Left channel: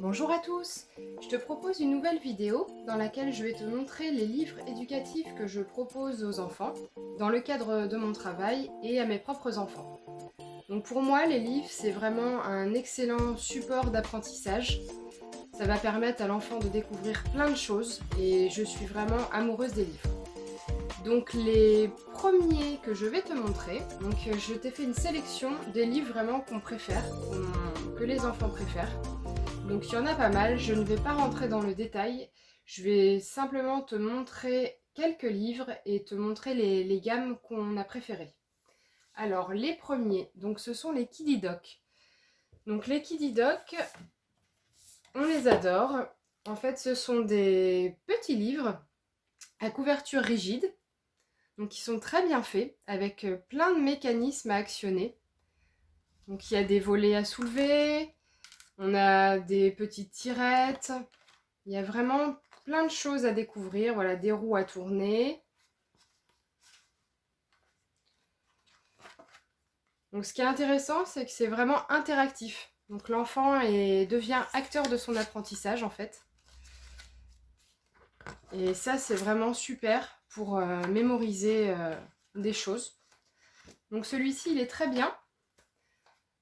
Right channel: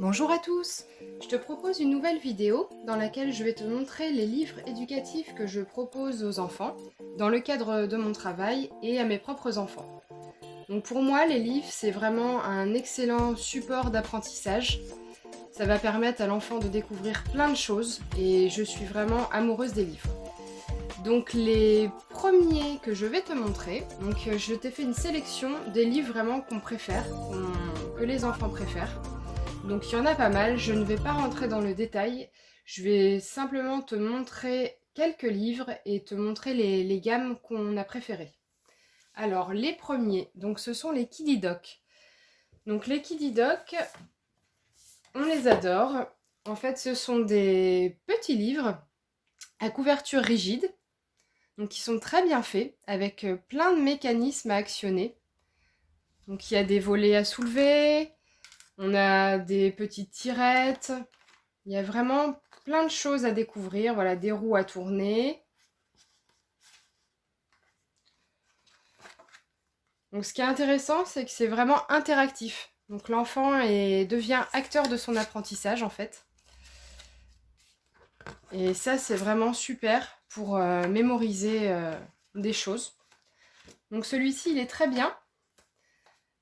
Bonjour à tous. Je te propose une nouvelle vidéo dans laquelle je vais te montrer les livres éducatifs que je propose aux enfants dans le cadre de mon travail et à mes propres enfants. Donc pour moi, les livres, c'est vraiment un excellent support d'apprentissage. Ça va permettre à l'enfant de découvrir plein de choses et je suis vraiment amoureuse des livres. Donc les premiers que je vais te montrer, je t'ai fait une sélection des livres vraiment qu'on préfère, que les enfants préfèrent. Donc il y en a pas mal, je ne vais pas rentrer dans le détail, je vais simplement te montrer quelques livres et te montrer les gammes qu'on a préférées. Alors les premiers, donc ce sont les Kiddy Doc. Donc les Kiddy Doc, on les adore. En fait, ce sont des petits livres à couverture rigide, donc qui sont très bien faits, avec plein de mécanismes à actionner. Donc il y a des volets à soulever, on a des petites tirettes, il y a vraiment plein de choses à découvrir. Voilà, des roues à tourner. Donc ce qui est intéressant, c'est que c'est vraiment interactif. Donc l'enfant devient acteur de son apprentissage en fait. Et ça, c'est vraiment super pour mémoriser des choses. Donc celui-ci, il est très bien.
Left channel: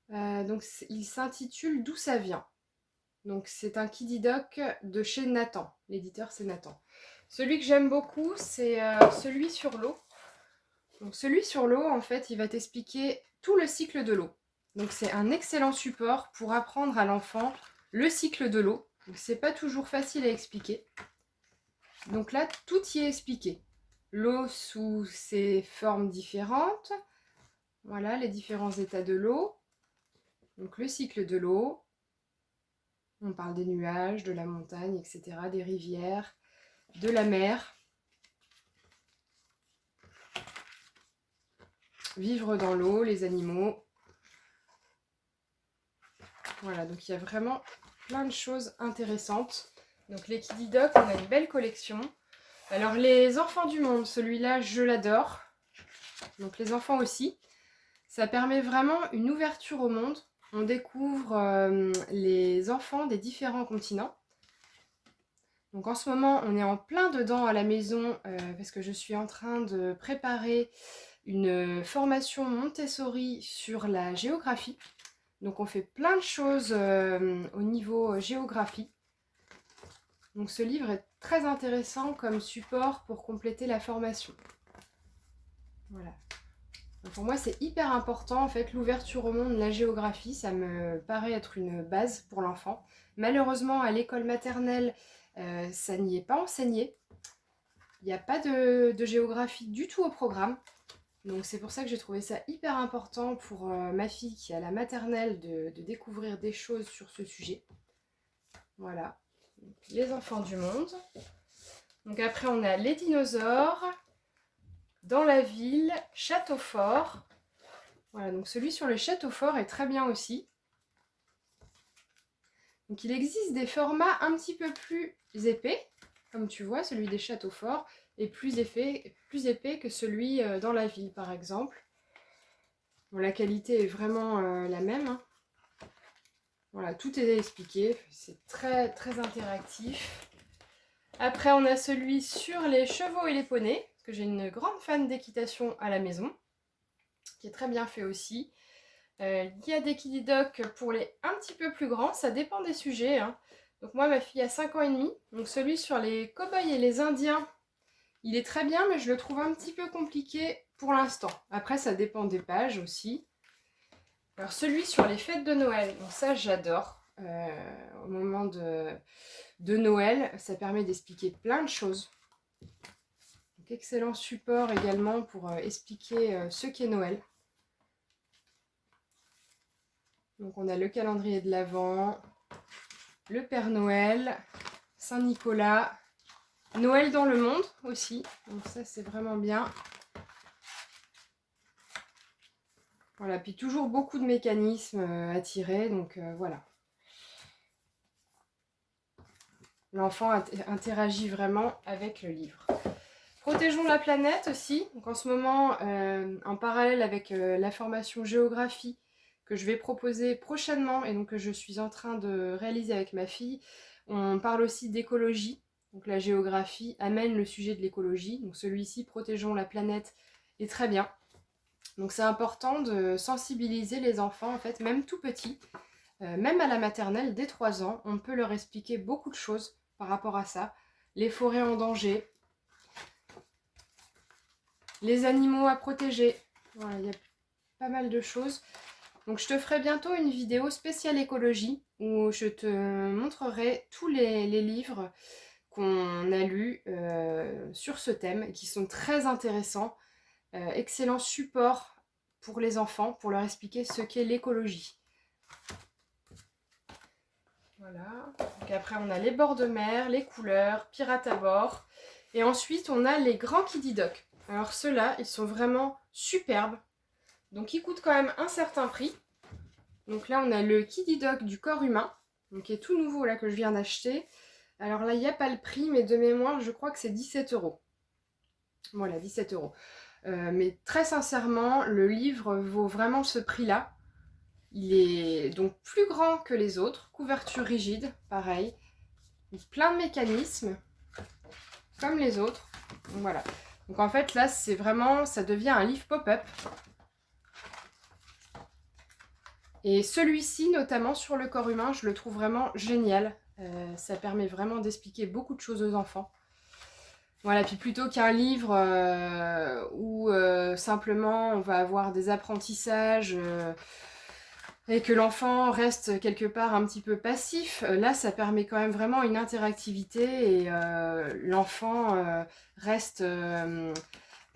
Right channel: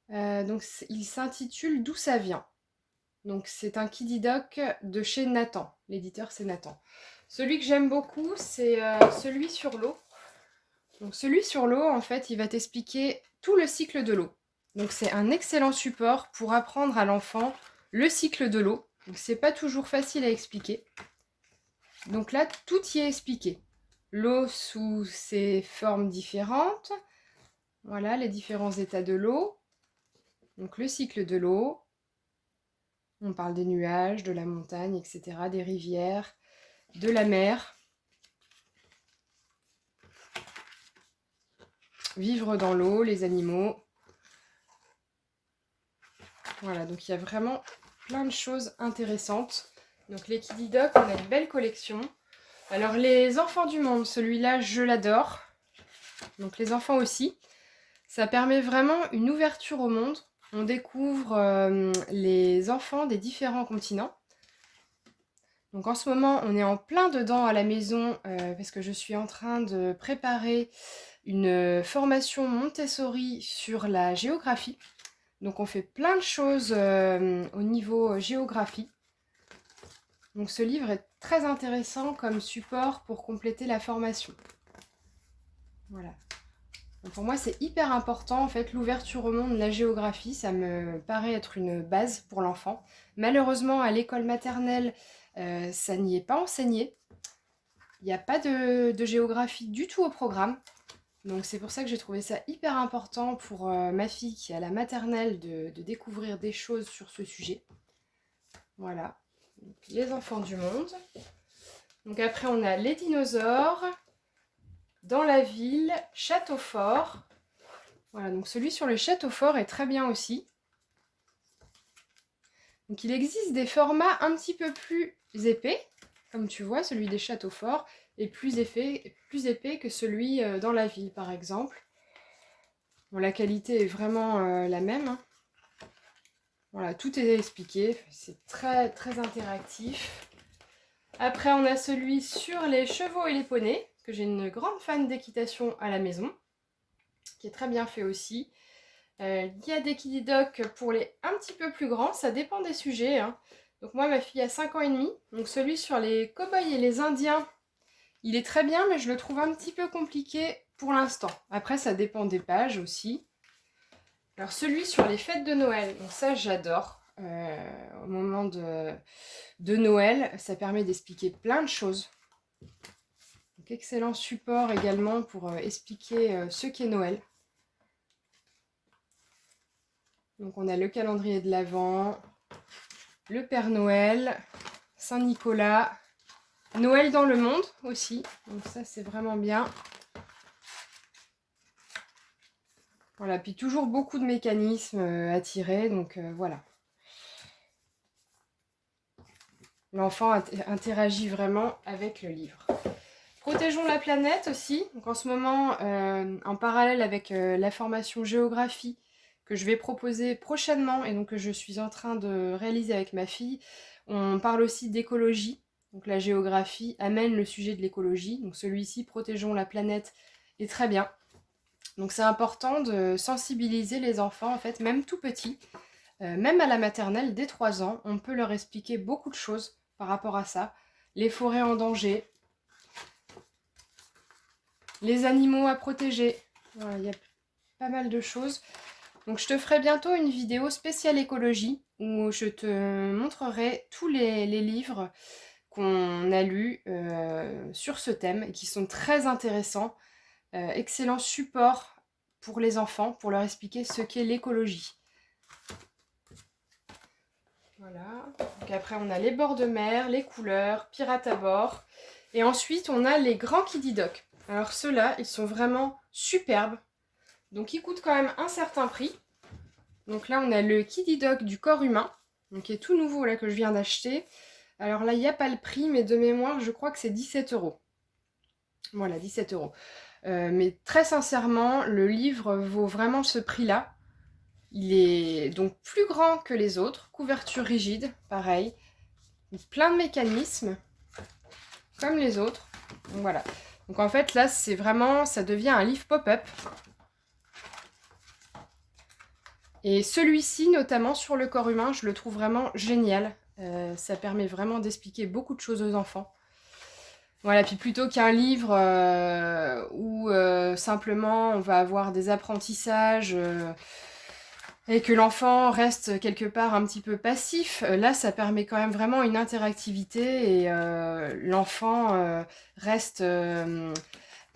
Il s'intitule D'où ça vient. Donc c'est un Kiddy Doc de chez Nathan. L'éditeur, c'est Nathan. Celui que j'aime beaucoup, c'est celui sur l'eau. Donc celui sur l'eau, en fait, il va t'expliquer tout le cycle de l'eau. Donc c'est un excellent support pour apprendre à l'enfant le cycle de l'eau. Donc c'est pas toujours facile à expliquer. Donc là, tout y est expliqué. L'eau sous ses formes différentes. Voilà, les différents états de l'eau. Donc le cycle de l'eau. On parle des nuages, de la montagne, etc., des rivières, de la mer. Vivre dans l'eau, les animaux. Voilà, donc il y a vraiment plein de choses intéressantes. Donc les Kiddy Doc, on a une belle collection. Alors les enfants du monde, celui-là, je l'adore. Donc les enfants aussi. Ça permet vraiment une ouverture au monde. On découvre les enfants des différents continents. Donc en ce moment, on est en plein dedans à la maison parce que je suis en train de préparer une formation Montessori sur la géographie. Donc on fait plein de choses au niveau géographie. Donc ce livre est très intéressant comme support pour compléter la formation. Voilà. Donc pour moi, c'est hyper important, en fait, l'ouverture au monde, la géographie, ça me paraît être une base pour l'enfant. Malheureusement, à l'école maternelle, ça n'y est pas enseigné. Il n'y a pas de géographie du tout au programme. Donc c'est pour ça que j'ai trouvé ça hyper important pour ma fille qui est à la maternelle de découvrir des choses sur ce sujet. Voilà. Donc, les enfants du monde. Donc après, on a les dinosaures. Dans la ville, château fort. Voilà, donc celui sur le château fort est très bien aussi. Donc il existe des formats un petit peu plus épais, comme tu vois, celui des châteaux forts est plus épais que celui dans la ville, par exemple. Bon, la qualité est vraiment la même. Hein. Voilà, tout est expliqué, c'est très très interactif. Après, on a celui sur les chevaux et les poneys, parce que j'ai une grande fan d'équitation à la maison, qui est très bien fait aussi. Il y a des Kiddy Doc pour les un petit peu plus grands, ça dépend des sujets. Hein. Donc moi, ma fille a 5 ans et demi, donc celui sur les cow-boys et les indiens, il est très bien, mais je le trouve un petit peu compliqué pour l'instant. Après, ça dépend des pages aussi. Alors celui sur les fêtes de Noël, donc ça j'adore. Au moment de Noël, ça permet d'expliquer plein de choses. Donc, excellent support également pour expliquer ce qu'est Noël. Donc on a le calendrier de l'Avent, le Père Noël, Saint-Nicolas, Noël dans le monde aussi. Donc ça c'est vraiment bien. Voilà, puis toujours beaucoup de mécanismes à tirer, donc voilà. L'enfant interagit vraiment avec le livre. Protégeons la planète aussi. Donc en ce moment, en parallèle avec la formation géographie, que je vais proposer prochainement et donc que je suis en train de réaliser avec ma fille. On parle aussi d'écologie, donc la géographie amène le sujet de l'écologie, donc celui-ci, Protégeons la planète, est très bien. Donc c'est important de sensibiliser les enfants, en fait, même tout petits, même à la maternelle, dès 3 ans, on peut leur expliquer beaucoup de choses par rapport à ça. Les forêts en danger, les animaux à protéger, voilà, il y a pas mal de choses. Donc je te ferai bientôt une vidéo spéciale écologie où je te montrerai tous les livres qu'on a lus sur ce thème et qui sont très intéressants. Excellent support pour les enfants, pour leur expliquer ce qu'est l'écologie. Voilà. Donc après on a les bords de mer, les couleurs, pirates à bord. Et ensuite on a les grands Kiddy Doc. Alors ceux-là, ils sont vraiment superbes. Donc ils coûtent quand même un certain prix. Donc là on a le Kiddy Doc du corps humain, donc qui est tout nouveau là que je viens d'acheter. Alors là il n'y a pas le prix, mais de mémoire je crois que c'est 17 €. Voilà, 17 €. Mais très sincèrement, le livre vaut vraiment ce prix-là. Il est donc plus grand que les autres, couverture rigide, pareil. Plein de mécanismes, comme les autres. Donc voilà. Donc en fait là c'est vraiment, ça devient un livre pop-up. Et celui-ci, notamment sur le corps humain, je le trouve vraiment génial. Ça permet vraiment d'expliquer beaucoup de choses aux enfants. Voilà, puis plutôt qu'un livre où simplement on va avoir des apprentissages et que l'enfant reste quelque part un petit peu passif, là ça permet quand même vraiment une interactivité et l'enfant reste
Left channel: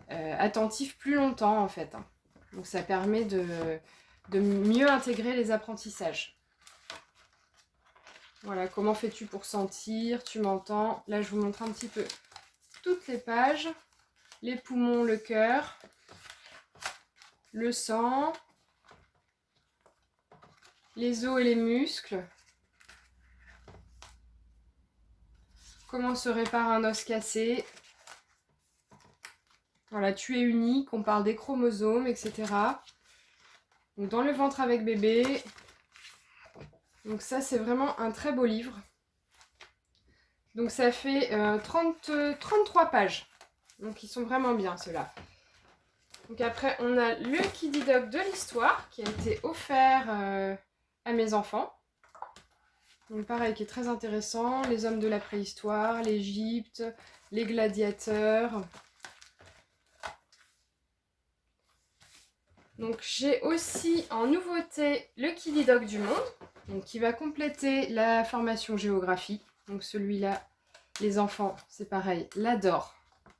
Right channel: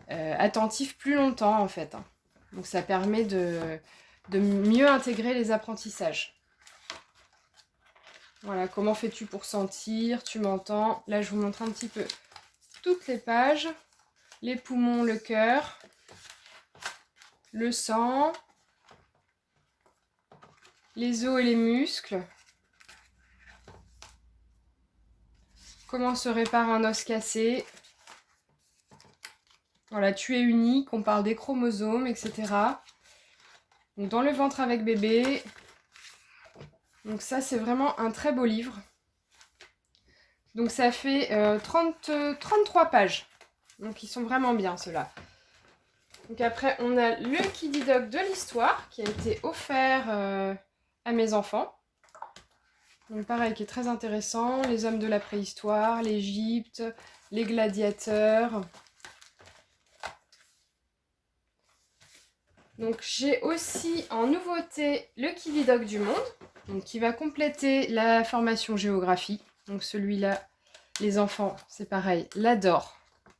attentif plus longtemps en fait. Donc ça permet de mieux intégrer les apprentissages. Voilà, comment fais-tu pour sentir? Tu m'entends? Là, je vous montre un petit peu toutes les pages. Les poumons, le cœur, le sang, les os et les muscles. Comment se répare un os cassé? Voilà, tu es unique, on parle des chromosomes, etc. Donc, dans le ventre avec bébé. Donc ça, c'est vraiment un très beau livre. Donc ça fait 33 pages. Donc ils sont vraiment bien ceux-là. Donc après, on a le Kiddy Doc de l'histoire qui a été offert à mes enfants. Donc pareil, qui est très intéressant. Les hommes de la préhistoire, l'Égypte, les gladiateurs. Donc j'ai aussi en nouveauté le Kiddy Doc du monde, donc qui va compléter la formation géographie. Donc celui-là, les enfants, c'est pareil, l'adorent.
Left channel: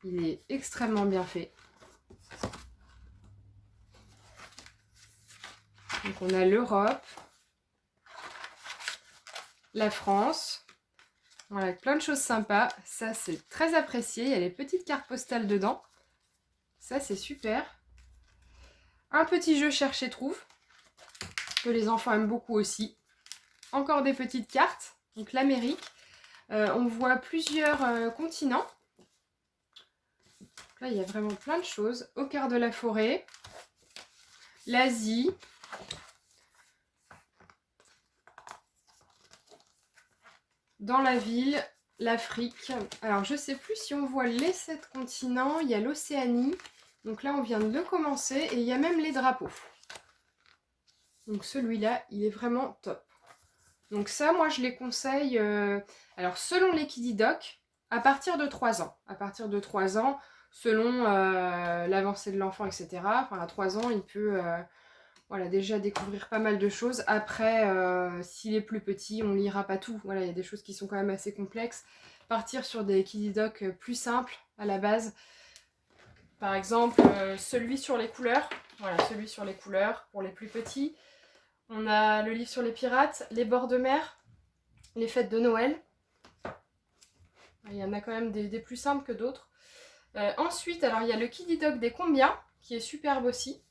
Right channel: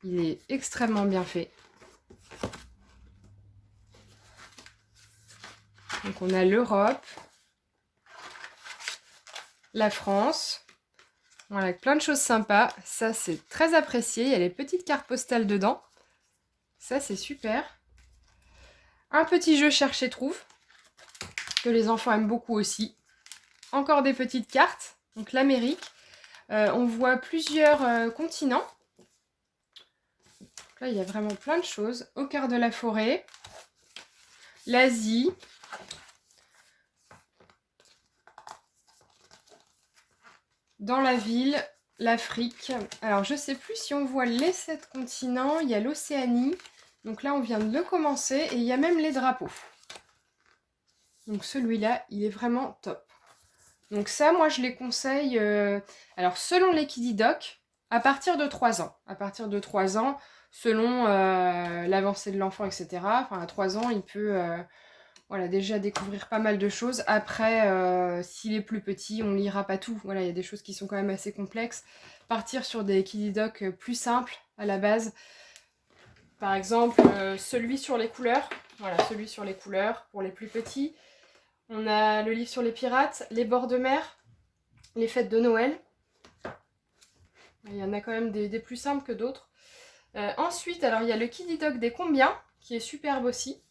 Il est extrêmement bien fait. Donc on a l'Europe, la France, voilà, avec plein de choses sympas. Ça, c'est très apprécié. Il y a les petites cartes postales dedans. Ça, c'est super. Un petit jeu cherche et trouve, que les enfants aiment beaucoup aussi. Encore des petites cartes. Donc l'Amérique. On voit plusieurs continents. Là, il y a vraiment plein de choses. Au cœur de la forêt. L'Asie. Dans la ville, l'Afrique. Alors, je ne sais plus si on voit les 7 continents. Il y a l'Océanie. Donc là, on vient de le commencer. Et il y a même les drapeaux. Donc celui-là, il est vraiment top. Donc ça, moi, je les conseille. Alors, selon les Kiddy Doc, à partir de 3 ans. À partir de 3 ans, selon l'avancée de l'enfant, etc. Enfin, à 3 ans, il peut voilà, déjà découvrir pas mal de choses. Après, s'il est plus petit, on ne lira pas tout. Voilà, il y a des choses qui sont quand même assez complexes. Partir sur des Kiddy Doc plus simples à la base. Par exemple, celui sur les couleurs. Voilà, celui sur les couleurs pour les plus petits. On a le livre sur les pirates, les bords de mer, les fêtes de Noël. Il y en a quand même des plus simples que d'autres. Ensuite, alors il y a le Kiddy Doc des combien, qui est superbe aussi.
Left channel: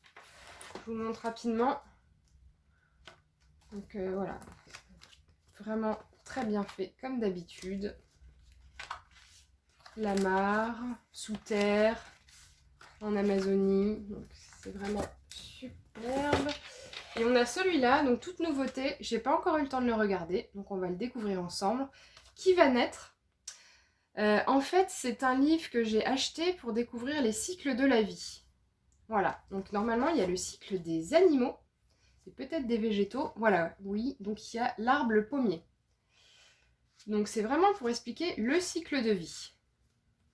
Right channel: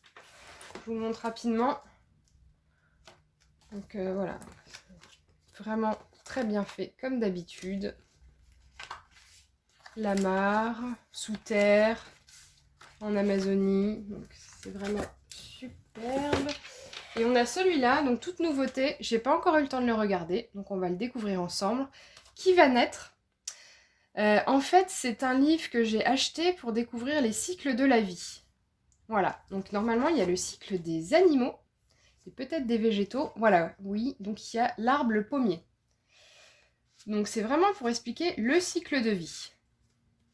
Je vous montre rapidement. Donc voilà, vraiment très bien fait, comme d'habitude. La mare, sous terre, en Amazonie. Donc c'est vraiment superbe. Et on a celui-là, donc toute nouveauté, j'ai pas encore eu le temps de le regarder, donc on va le découvrir ensemble. Qui va naître? En fait, c'est un livre que j'ai acheté pour découvrir les cycles de la vie. Voilà, donc normalement il y a le cycle des animaux, et peut-être des végétaux. Voilà, oui, donc il y a l'arbre, le pommier. Donc c'est vraiment pour expliquer le cycle de vie.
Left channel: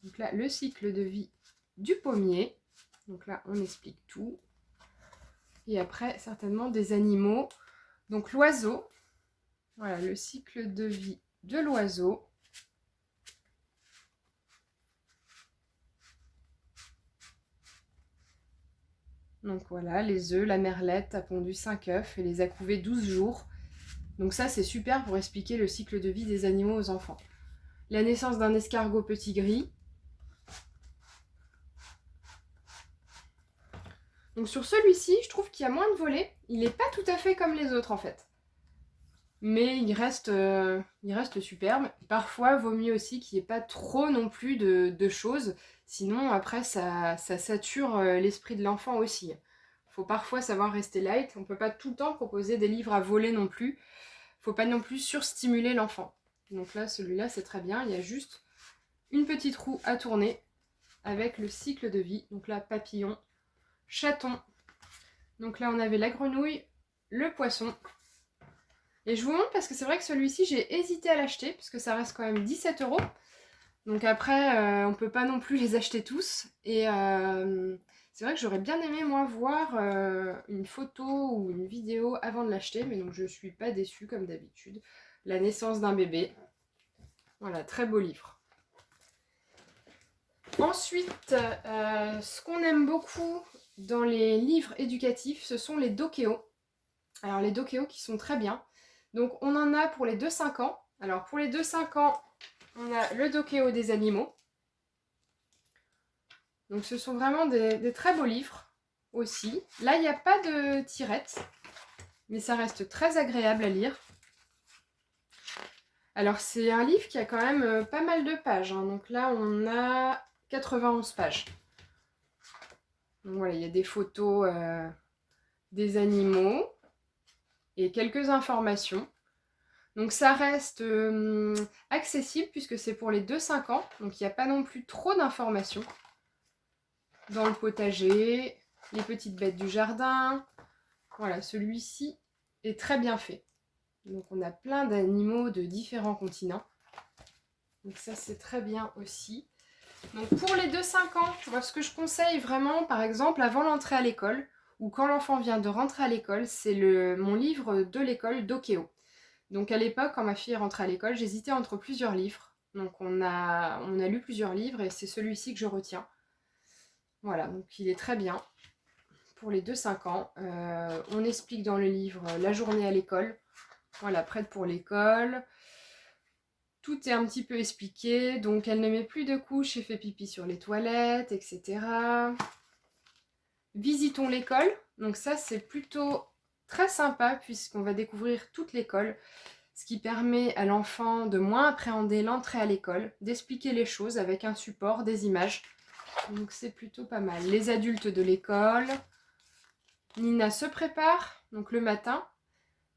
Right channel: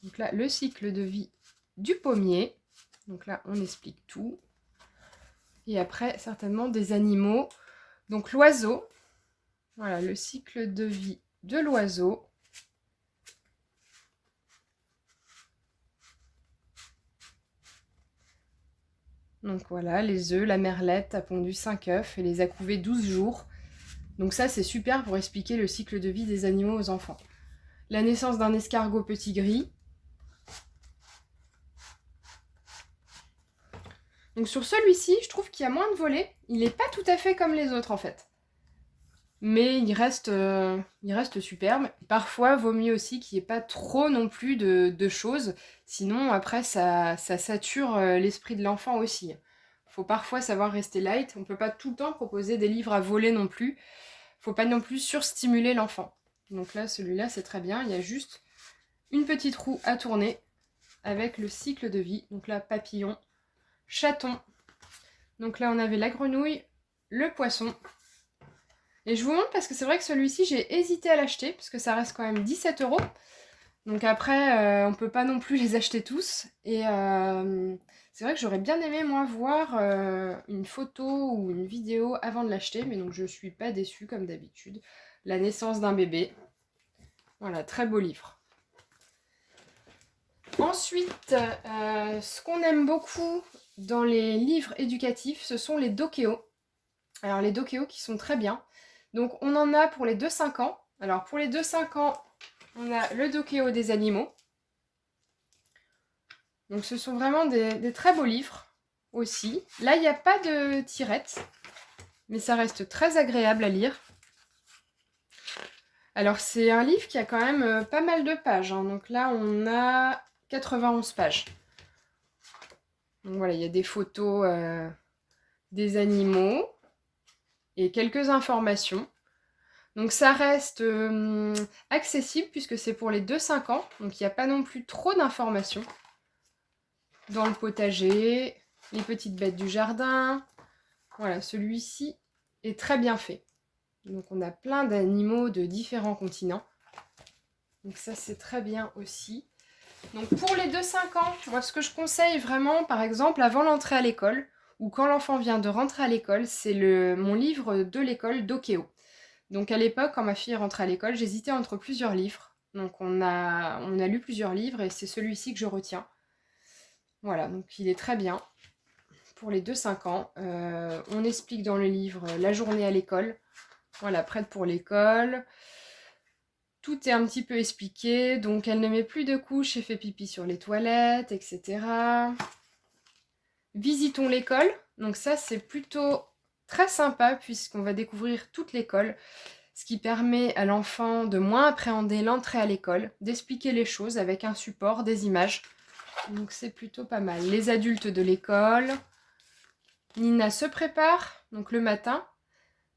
Donc là, le cycle de vie du pommier. Donc là, on explique tout. Et après, certainement des animaux. Donc l'oiseau. Voilà, le cycle de vie de l'oiseau. Donc voilà, les œufs, la merlette a pondu 5 œufs et les a couvés 12 jours. Donc ça, c'est super pour expliquer le cycle de vie des animaux aux enfants. La naissance d'un escargot petit gris. Donc sur celui-ci, je trouve qu'il y a moins de volets. Il n'est pas tout à fait comme les autres en fait. Mais il reste superbe. Parfois, vaut mieux aussi qu'il n'y ait pas trop non plus de choses. Sinon, après, ça sature l'esprit de l'enfant aussi. Il faut parfois savoir rester light. On ne peut pas tout le temps proposer des livres à voler non plus. Il ne faut pas non plus surstimuler l'enfant. Donc là, celui-là, c'est très bien. Il y a juste une petite roue à tourner avec le cycle de vie. Donc là, papillon, chaton. Donc là, on avait la grenouille, le poisson. Et je vous montre parce que c'est vrai que celui-ci, j'ai hésité à l'acheter parce que ça reste quand même 17 €. Donc après, on peut pas non plus les acheter tous. Et c'est vrai que j'aurais bien aimé, moi, voir une photo ou une vidéo avant de l'acheter. Mais donc, je suis pas déçue comme d'habitude. La naissance d'un bébé. Voilà, très beau livre. Ensuite, ce qu'on aime beaucoup dans les livres éducatifs, ce sont les dokéos. Alors, les dokéos qui sont très bien. Donc, on en a pour les 2-5 ans. Alors, pour les 2-5 ans, on a le dokéo des animaux. Donc, ce sont vraiment des très beaux livres aussi. Là, il n'y a pas de tirette, mais ça reste très agréable à lire. Alors, c'est un livre qui a quand même pas mal de pages. Donc là, on a 91 pages. Donc voilà, il y a des photos des animaux et quelques informations. Donc ça reste accessible puisque c'est pour les 2-5 ans. Donc il n'y a pas non plus trop d'informations. Dans le potager, les petites bêtes du jardin. Voilà, celui-ci est très bien fait. Donc on a plein d'animaux de différents continents. Donc ça c'est très bien aussi. Donc pour les 2-5 ans, moi ce que je conseille vraiment, par exemple, avant l'entrée à l'école, ou quand l'enfant vient de rentrer à l'école, c'est mon livre de l'école Dokéo. Donc à l'époque, quand ma fille rentrait à l'école, j'hésitais entre plusieurs livres. Donc on a lu plusieurs livres et c'est celui-ci que je retiens. Voilà, donc il est très bien pour les 2-5 ans. On explique dans le livre la journée à l'école. Voilà, prête pour l'école. Tout est un petit peu expliqué. Donc elle ne met plus de couches et fait pipi sur les toilettes, etc. Visitons l'école. Donc ça, c'est plutôt très sympa puisqu'on va découvrir toute l'école. Ce qui permet à l'enfant de moins appréhender l'entrée à l'école, d'expliquer les choses avec un support, des images. Donc c'est plutôt pas mal. Les adultes de l'école. Nina se prépare, donc le matin.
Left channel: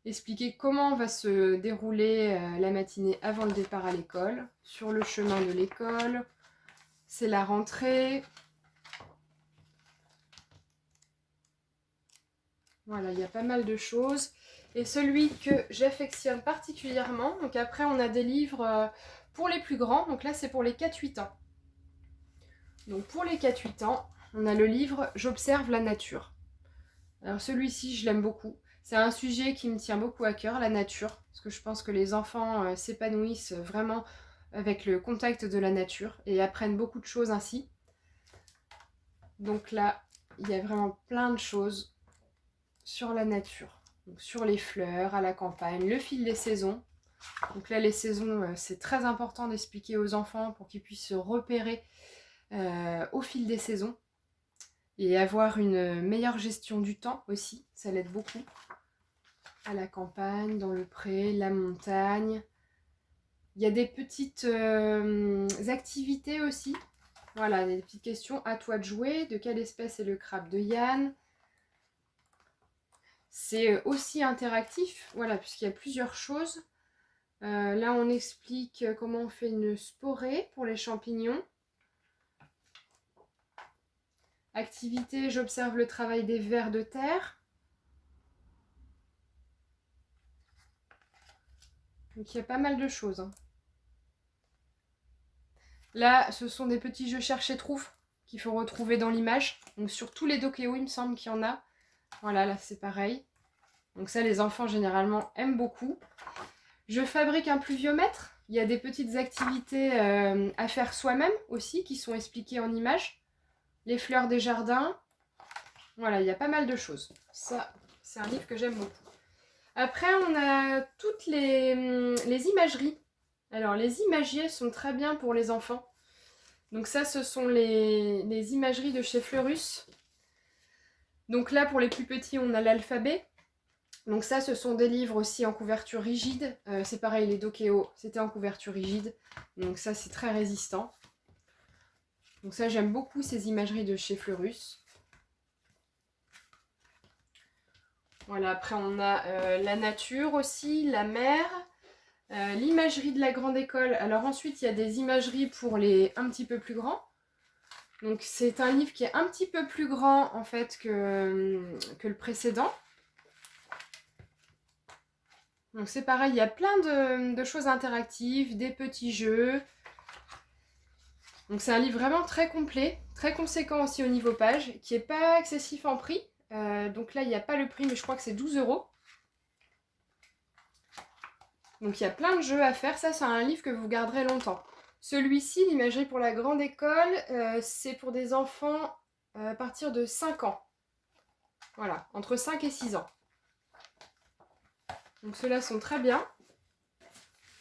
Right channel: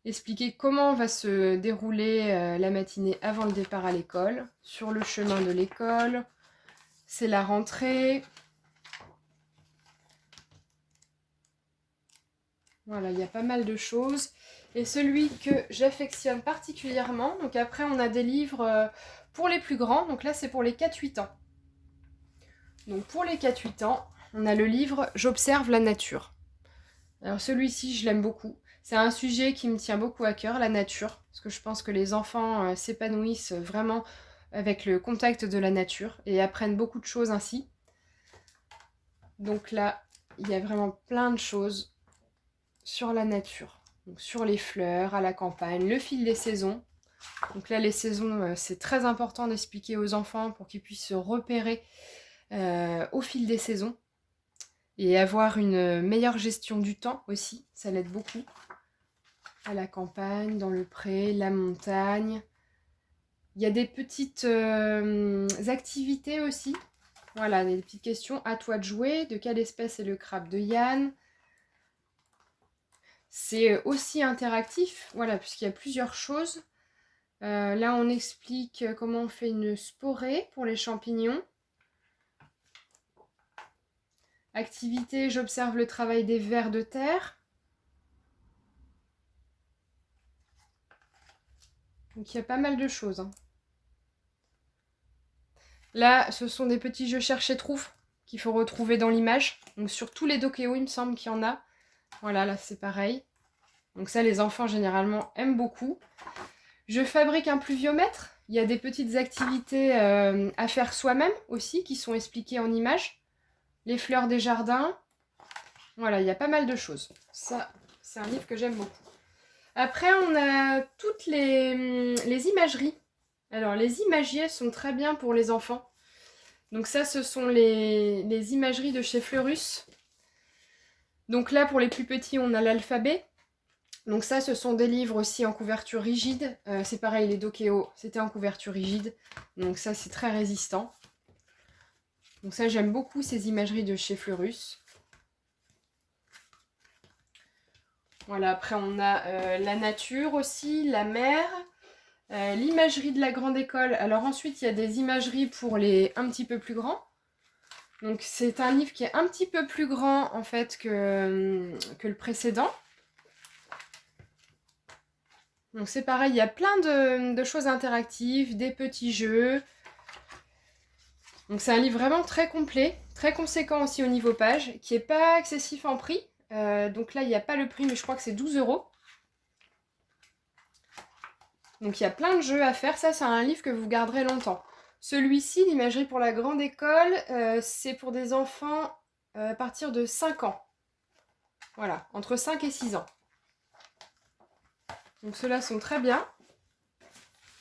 Expliquer comment va se dérouler la matinée avant le départ à l'école. Sur le chemin de l'école. C'est la rentrée. Voilà, il y a pas mal de choses. Et celui que j'affectionne particulièrement, donc après on a des livres pour les plus grands, donc là c'est pour les 4-8 ans. Donc pour les 4-8 ans, on a le livre J'observe la nature. Alors celui-ci, je l'aime beaucoup. C'est un sujet qui me tient beaucoup à cœur, la nature, parce que je pense que les enfants s'épanouissent vraiment avec le contact de la nature et apprennent beaucoup de choses ainsi. Donc là, il y a vraiment plein de choses sur la nature. Donc sur les fleurs, à la campagne, le fil des saisons. Donc là, les saisons, c'est très important d'expliquer aux enfants pour qu'ils puissent se repérer au fil des saisons. Et avoir une meilleure gestion du temps aussi, ça l'aide beaucoup. À la campagne, dans le pré, la montagne. Il y a des petites activités aussi. Voilà, des petites questions. À toi de jouer. De quelle espèce est le crabe de Yann? C'est aussi interactif, voilà, puisqu'il y a plusieurs choses. Là, on explique comment on fait une sporée pour les champignons. Activité, j'observe le travail des vers de terre. Donc, il y a pas mal de choses, hein. Là, ce sont des petits jeux cherche et trouve qu'il faut retrouver dans l'image. Donc, sur tous les Dokeo, il me semble qu'il y en a. Voilà, là, c'est pareil. Donc ça, les enfants, généralement, aiment beaucoup. Je fabrique un pluviomètre. Il y a des petites activités à faire soi-même aussi, qui sont expliquées en images. Les fleurs des jardins. Voilà, il y a pas mal de choses. Ça, c'est un livre que j'aime beaucoup. Après, on a toutes les imageries. Alors, les imagiers sont très bien pour les enfants. Donc ça, ce sont les imageries de chez Fleurus. Donc là, pour les plus petits, on a l'alphabet. Donc ça, ce sont des livres aussi en couverture rigide. C'est pareil, les Dokeo, c'était en couverture rigide. Donc ça, c'est très résistant. Donc ça, j'aime beaucoup ces imageries de chez Fleurus. Voilà, après on a la nature aussi, la mer, l'imagerie de la grande école. Alors ensuite, il y a des imageries pour les un petit peu plus grands. Donc c'est un livre qui est un petit peu plus grand en fait que le précédent. Donc c'est pareil, il y a plein de choses interactives, des petits jeux. Donc c'est un livre vraiment très complet, très conséquent aussi au niveau page, qui n'est pas excessif en prix. Donc là, il n'y a pas le prix, mais je crois que c'est 12 €. Donc il y a plein de jeux à faire. Ça, c'est un livre que vous garderez longtemps. Celui-ci, l'imagerie pour la grande école, c'est pour des enfants à partir de 5 ans. Voilà, entre 5 et 6 ans. Donc ceux-là sont très bien.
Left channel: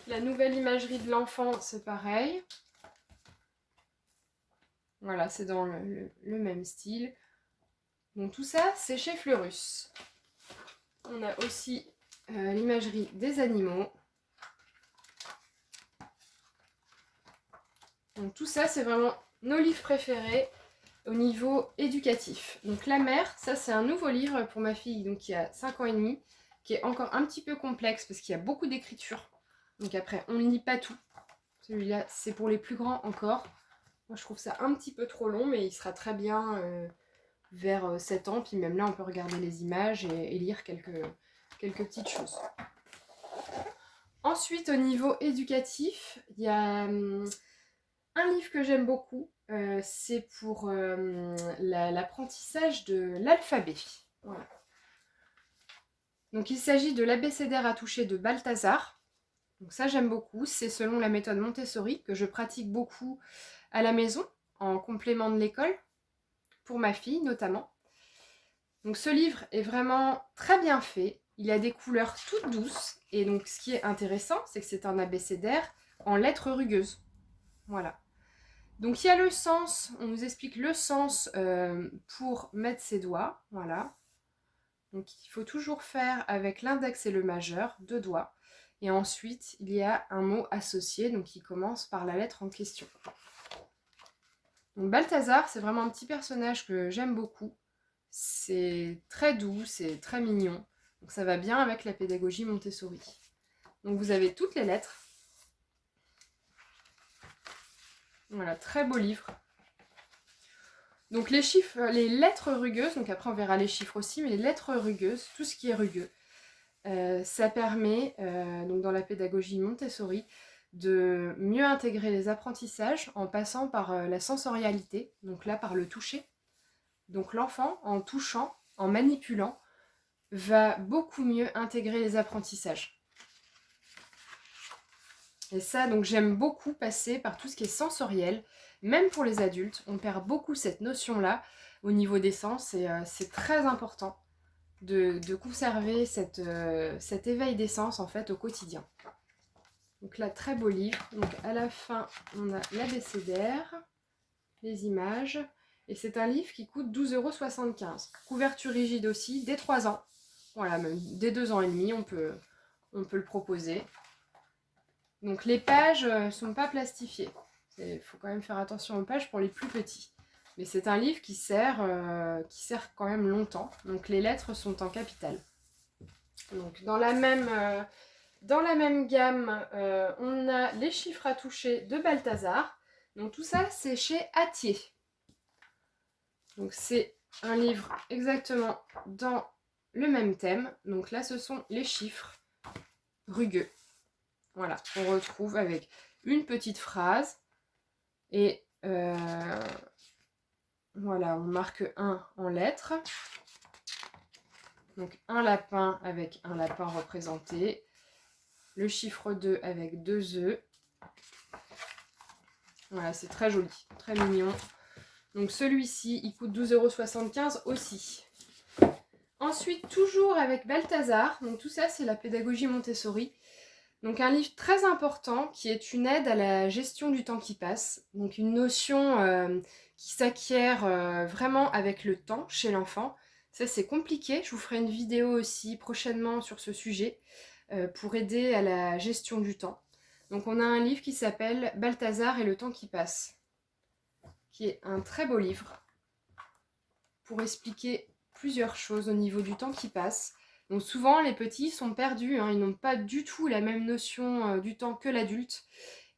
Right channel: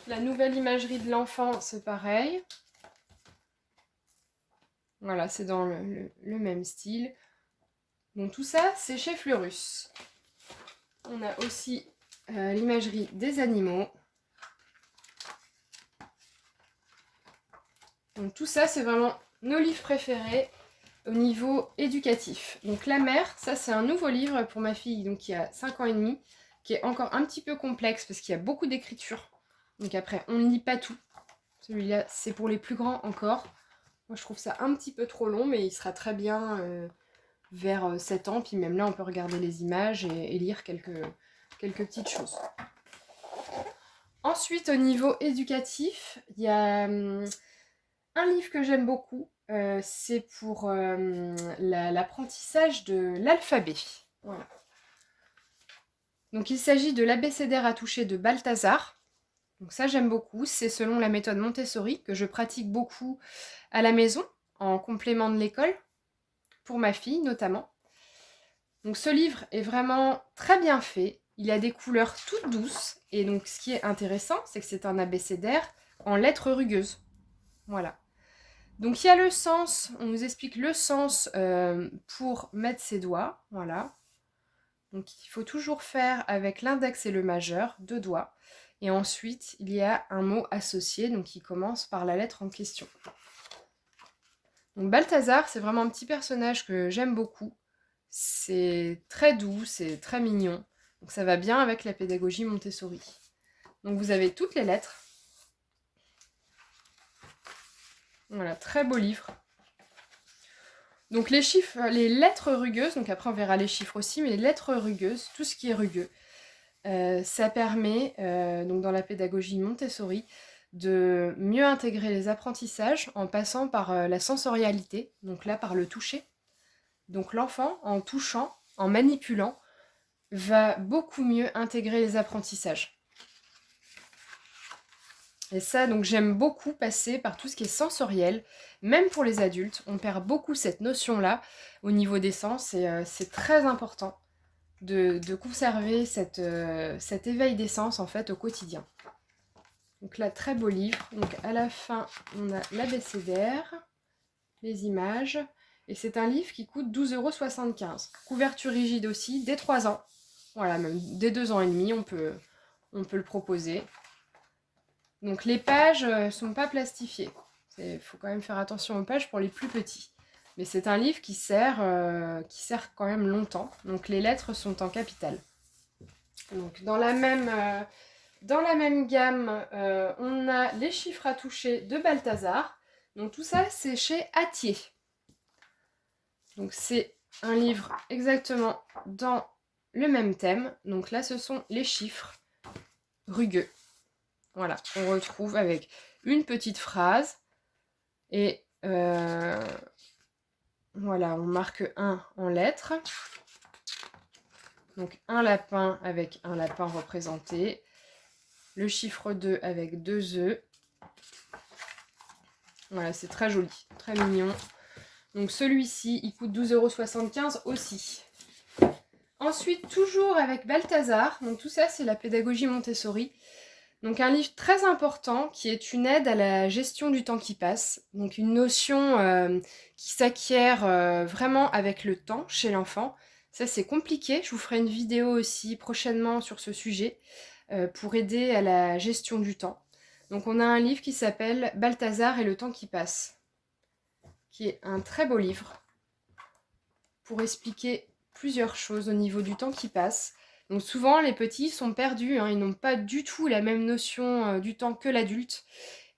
La nouvelle imagerie de l'enfant, c'est pareil. Voilà, c'est dans le même style. Donc tout ça, c'est chez Fleurus. On a aussi l'imagerie des animaux. Donc tout ça, c'est vraiment nos livres préférés au niveau éducatif. Donc La Mer, ça c'est un nouveau livre pour ma fille donc, qui a 5 ans et demi, qui est encore un petit peu complexe parce qu'il y a beaucoup d'écriture. Donc après, on ne lit pas tout. Celui-là, c'est pour les plus grands encore. Moi, je trouve ça un petit peu trop long, mais il sera très bien vers 7 ans. Puis même là, on peut regarder les images et lire quelques petites choses. Ensuite, au niveau éducatif, il y a un livre que j'aime beaucoup. C'est pour l'apprentissage de l'alphabet. Voilà. Donc, il s'agit de l'abécédaire à toucher de Balthazar. Donc ça, j'aime beaucoup. C'est selon la méthode Montessori que je pratique beaucoup à la maison, en complément de l'école, pour ma fille notamment. Donc ce livre est vraiment très bien fait. Il a des couleurs toutes douces. Et donc ce qui est intéressant, c'est que c'est un abécédaire en lettres rugueuses. Voilà. Donc il y a le sens, on nous explique le sens pour mettre ses doigts. Voilà. Donc il faut toujours faire avec l'index et le majeur, 2 doigts. Et ensuite, il y a un mot associé, donc qui commence par la lettre en question. Donc Balthazar, c'est vraiment un petit personnage que j'aime beaucoup. C'est très doux, c'est très mignon. Donc ça va bien avec la pédagogie Montessori. Donc vous avez toutes les lettres. Voilà, très beau livre. Donc les chiffres, les lettres rugueuses, donc après on verra les chiffres aussi, mais les lettres rugueuses, tout ce qui est rugueux, ça permet, donc dans la pédagogie Montessori, de mieux intégrer les apprentissages en passant par la sensorialité, donc là par le toucher. Donc l'enfant, en touchant, en manipulant, va beaucoup mieux intégrer les apprentissages. Et ça, donc j'aime beaucoup passer par tout ce qui est sensoriel, même pour les adultes. On perd beaucoup cette notion-là au niveau des sens et c'est très important de conserver cet éveil des sens en fait au quotidien. Donc là, très beau livre. Donc à la fin, on a l'abécédaire, les images. Et c'est un livre qui coûte 12,75 €. Couverture rigide aussi, dès 3 ans. Voilà, même dès 2 ans et demi, on peut le proposer. Donc les pages ne sont pas plastifiées. Il faut quand même faire attention aux pages pour les plus petits. Mais c'est un livre qui sert quand même longtemps. Donc les lettres sont en capitales. Donc dans la même gamme, on a les chiffres à toucher de Balthazar. Donc tout ça, c'est chez Hatier. Donc c'est un livre exactement dans le même thème. Donc là, ce sont les chiffres rugueux. Voilà, on retrouve avec une petite phrase. Et voilà, on marque 1 en lettres. Donc un lapin avec un lapin représenté. Le chiffre 2 avec 2 œufs. Voilà, c'est très joli, très mignon. Donc celui-ci, il coûte 12,75 € aussi. Ensuite, toujours avec Balthazar. Donc tout ça, c'est la pédagogie Montessori. Donc un livre très important qui est une aide à la gestion du temps qui passe. Donc une notion qui s'acquiert vraiment avec le temps chez l'enfant. Ça, c'est compliqué. Je vous ferai une vidéo aussi prochainement sur ce sujet pour aider à la gestion du temps. Donc on a un livre qui s'appelle Balthazar et le temps qui passe, qui est un très beau livre pour expliquer plusieurs choses au niveau du temps qui passe. Donc souvent les petits sont perdus, hein, ils n'ont pas du tout la même notion du temps que l'adulte.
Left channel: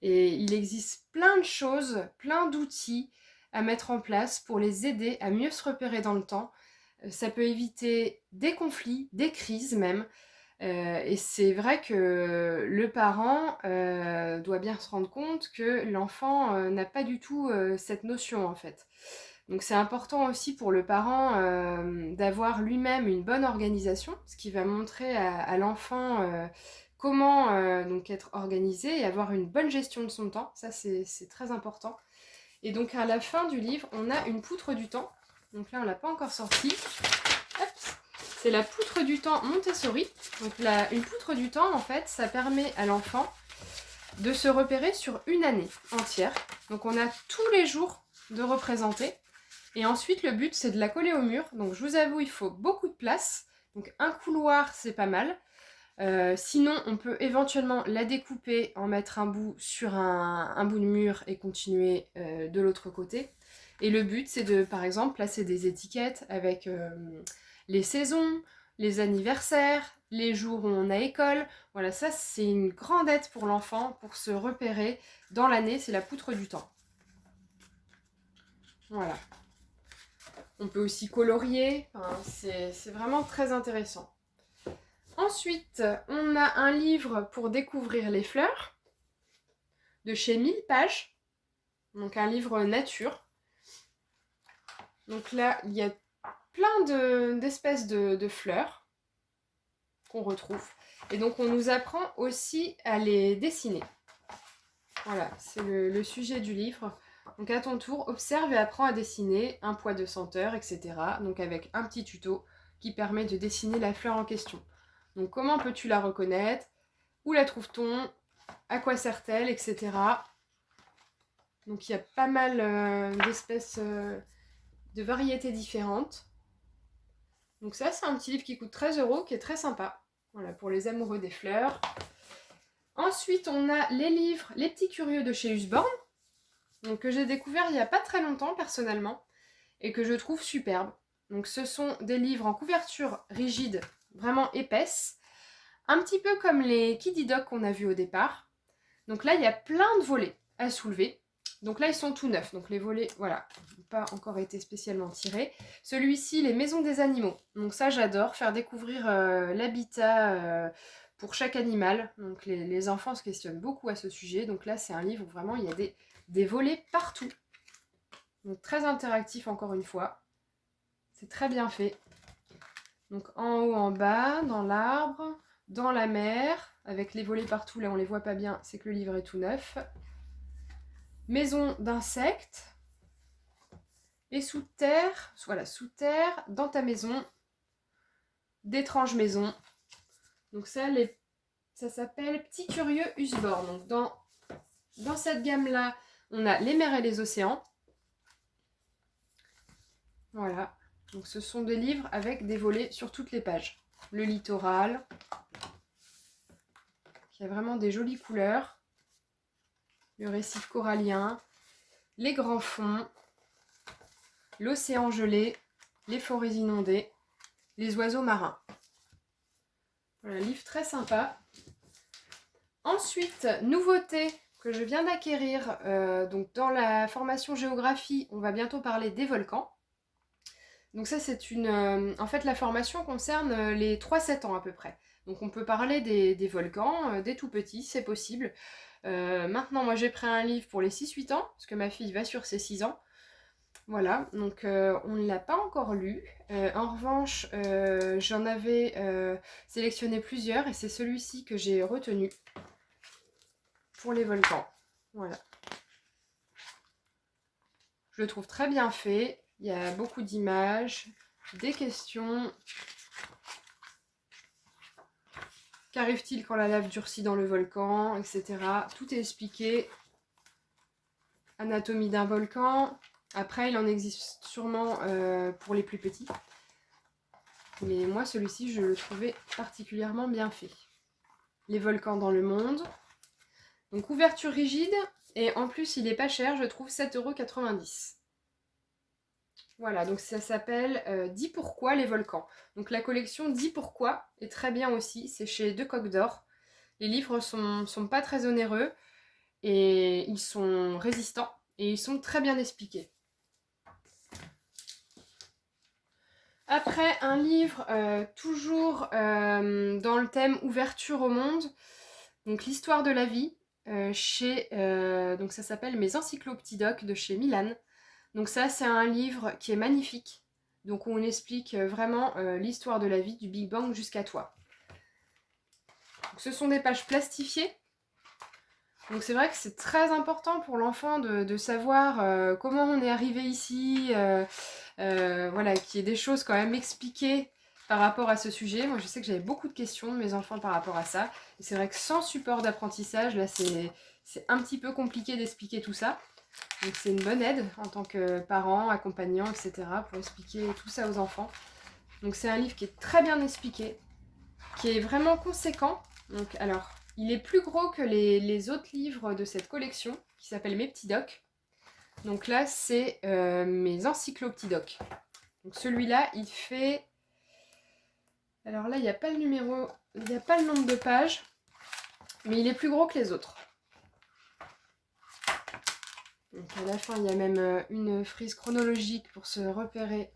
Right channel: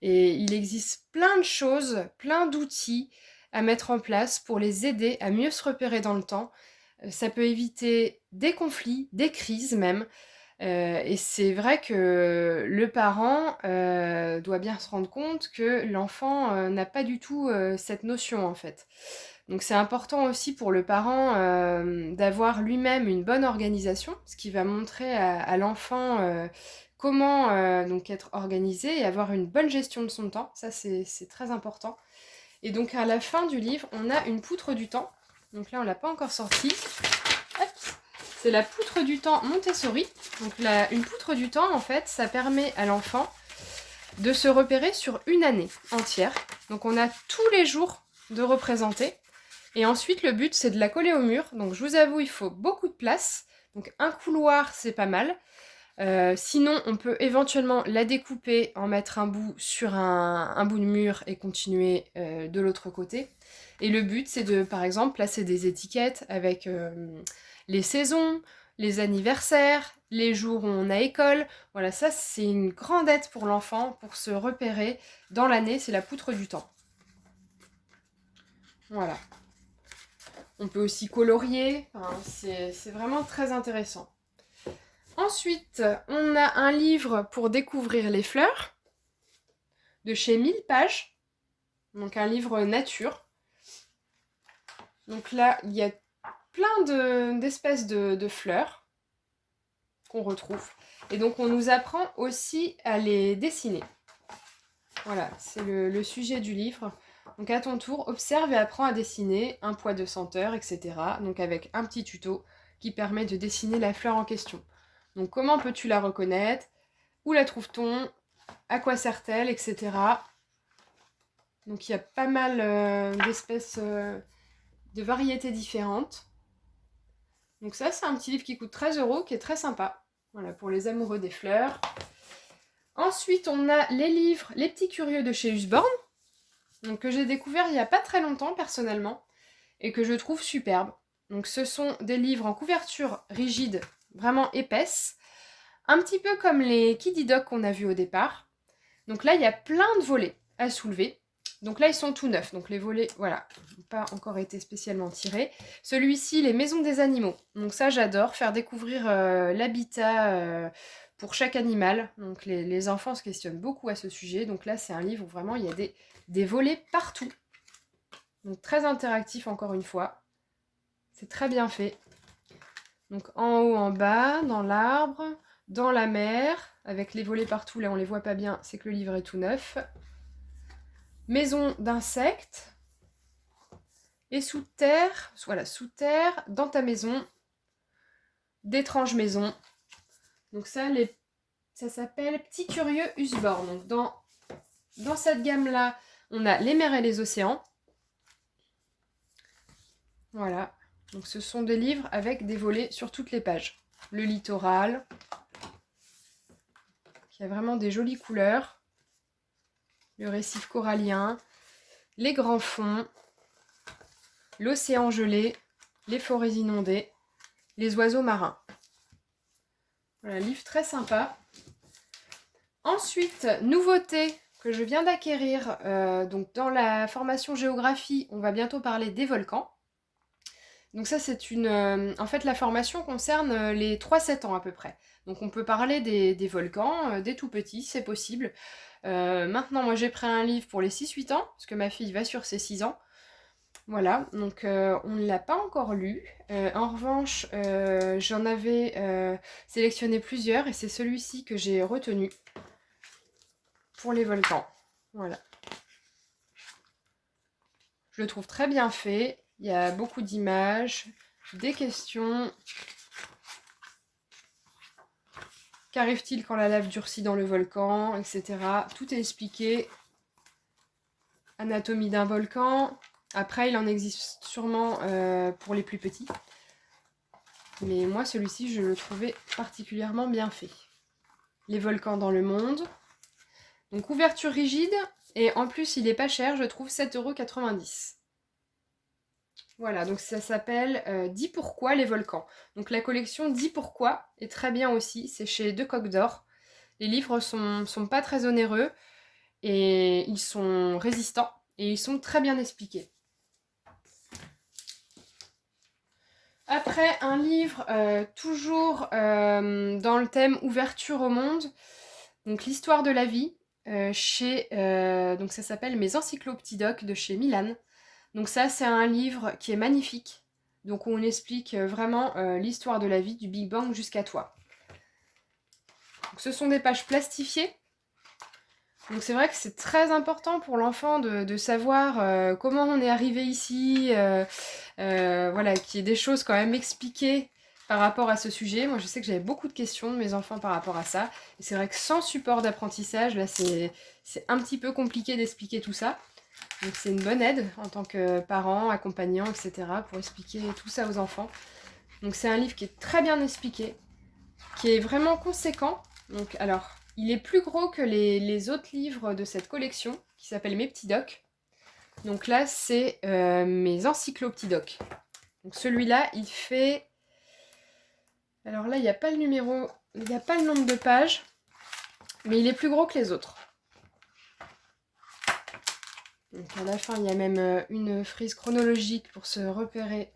Et il existe plein de choses, plein d'outils à mettre en place pour les aider à mieux se repérer dans le temps. Ça peut éviter des conflits, des crises même. Et c'est vrai que le parent doit bien se rendre compte que l'enfant n'a pas du tout cette notion en fait. Donc c'est important aussi pour le parent d'avoir lui-même une bonne organisation, ce qui va montrer à l'enfant comment donc être organisé et avoir une bonne gestion de son temps. Ça c'est très important. Et donc à la fin du livre, on a une poutre du temps. Donc là on l'a pas encore sortie. C'est la poutre du temps Montessori. Donc une poutre du temps, en fait, ça permet à l'enfant de se repérer sur une année entière. Donc on a tous les jours de représenter. Et ensuite, le but, c'est de la coller au mur. Donc je vous avoue, il faut beaucoup de place. Donc un couloir, c'est pas mal. Sinon, on peut éventuellement la découper, en mettre un bout sur un bout de mur et continuer de l'autre côté. Et le but, c'est de, par exemple, placer des étiquettes avec les saisons, les anniversaires, les jours où on a école. Voilà, ça, c'est une grande aide pour l'enfant pour se repérer dans l'année. C'est la poutre du temps. Voilà. On peut aussi colorier. Enfin, c'est vraiment très intéressant. Ensuite, on a un livre pour découvrir les fleurs de chez 1000 pages. Donc un livre nature. Donc là, il y a plein d'espèces de fleurs qu'on retrouve. Et donc on nous apprend aussi à les dessiner. Voilà, c'est le sujet du livre. Donc à ton tour, observe et apprends à dessiner un poids de senteur, etc. Donc avec un petit tuto qui permet de dessiner la fleur en question. Donc comment peux-tu la reconnaître? Où la trouve-t-on? À quoi sert-elle, etc. Donc il y a pas mal d'espèces, de variétés différentes. Donc ça, c'est un petit livre qui coûte 13 €, qui est très sympa. Voilà, pour les amoureux des fleurs. Ensuite, on a les livres Les Petits Curieux de chez Usborne, donc, que j'ai découvert il n'y a pas très longtemps, personnellement, et que je trouve superbe. Donc ce sont des livres en couverture rigide, vraiment épaisse, un petit peu comme les Kiddy Dog qu'on a vus au départ. Donc là, il y a plein de volets à soulever. Donc là, ils sont tout neufs. Donc les volets, voilà, n'ont pas encore été spécialement tirés. Celui-ci, les maisons des animaux. Donc ça, j'adore, faire découvrir l'habitat pour chaque animal. Donc les enfants se questionnent beaucoup à ce sujet. Donc là, c'est un livre où vraiment il y a des volets partout. Donc très interactif encore une fois. C'est très bien fait. Donc en haut, en bas, dans l'arbre, dans la mer, avec les volets partout, là on les voit pas bien, c'est que le livre est tout neuf. Maison d'insectes. Et sous terre, voilà, sous terre, dans ta maison, d'étranges maisons. Donc ça s'appelle Petit Curieux Usborne. Donc dans cette gamme-là, on a les mers et les océans. Voilà. Donc ce sont des livres avec des volets sur toutes les pages. Le littoral, qui a vraiment des jolies couleurs. Le récif corallien, les grands fonds, l'océan gelé, les forêts inondées, les oiseaux marins. Voilà, livre très sympa. Ensuite, nouveauté que je viens d'acquérir, donc dans la formation géographie, on va bientôt parler des volcans. Donc ça, c'est en fait, la formation concerne les 3-7 ans à peu près. Donc on peut parler des volcans, des tout petits, c'est possible. Maintenant, moi j'ai pris un livre pour les 6-8 ans, parce que ma fille va sur ses 6 ans. Voilà, donc on ne l'a pas encore lu. En revanche, j'en avais sélectionné plusieurs et c'est celui-ci que j'ai retenu pour les volcans. Voilà. Je le trouve très bien fait. Il y a beaucoup d'images, des questions. Qu'arrive-t-il quand la lave durcit dans le volcan, etc. Tout est expliqué. Anatomie d'un volcan. Après, il en existe sûrement pour les plus petits. Mais moi, celui-ci, je le trouvais particulièrement bien fait. Les volcans dans le monde. Donc, couverture rigide. Et en plus, il est pas cher, je trouve 7,90 €. Voilà, donc ça s'appelle 10 pourquoi les volcans. Donc la collection 10 pourquoi est très bien aussi, c'est chez Deux Coques d'Or. Les livres sont pas très onéreux et ils sont résistants et ils sont très bien expliqués. Après, un livre toujours dans le thème ouverture au monde, donc l'histoire de la vie, donc ça s'appelle Mes encyclopédies de chez Milan. Donc ça, c'est un livre qui est magnifique. Donc on explique vraiment l'histoire de la vie du Big Bang jusqu'à toi. Donc, ce sont des pages plastifiées. Donc c'est vrai que c'est très important pour l'enfant de savoir comment on est arrivé ici, voilà, qu'il y ait des choses quand même expliquées par rapport à ce sujet. Moi je sais que j'avais beaucoup de questions de mes enfants par rapport à ça. Et c'est vrai que sans support d'apprentissage, là c'est un petit peu compliqué d'expliquer tout ça. Donc c'est une bonne aide en tant que parent, accompagnant, etc. pour expliquer tout ça aux enfants. Donc c'est un livre qui est très bien expliqué, qui est vraiment conséquent. Donc alors, il est plus gros que les autres livres de cette collection, qui s'appelle Mes petits docs. Donc là, c'est mes encyclopédies. Donc celui-là, il fait... Alors là, il n'y a pas le numéro, il n'y a pas le nombre de pages, mais il est plus gros que les autres. Donc à la fin, il y a même une frise chronologique pour se repérer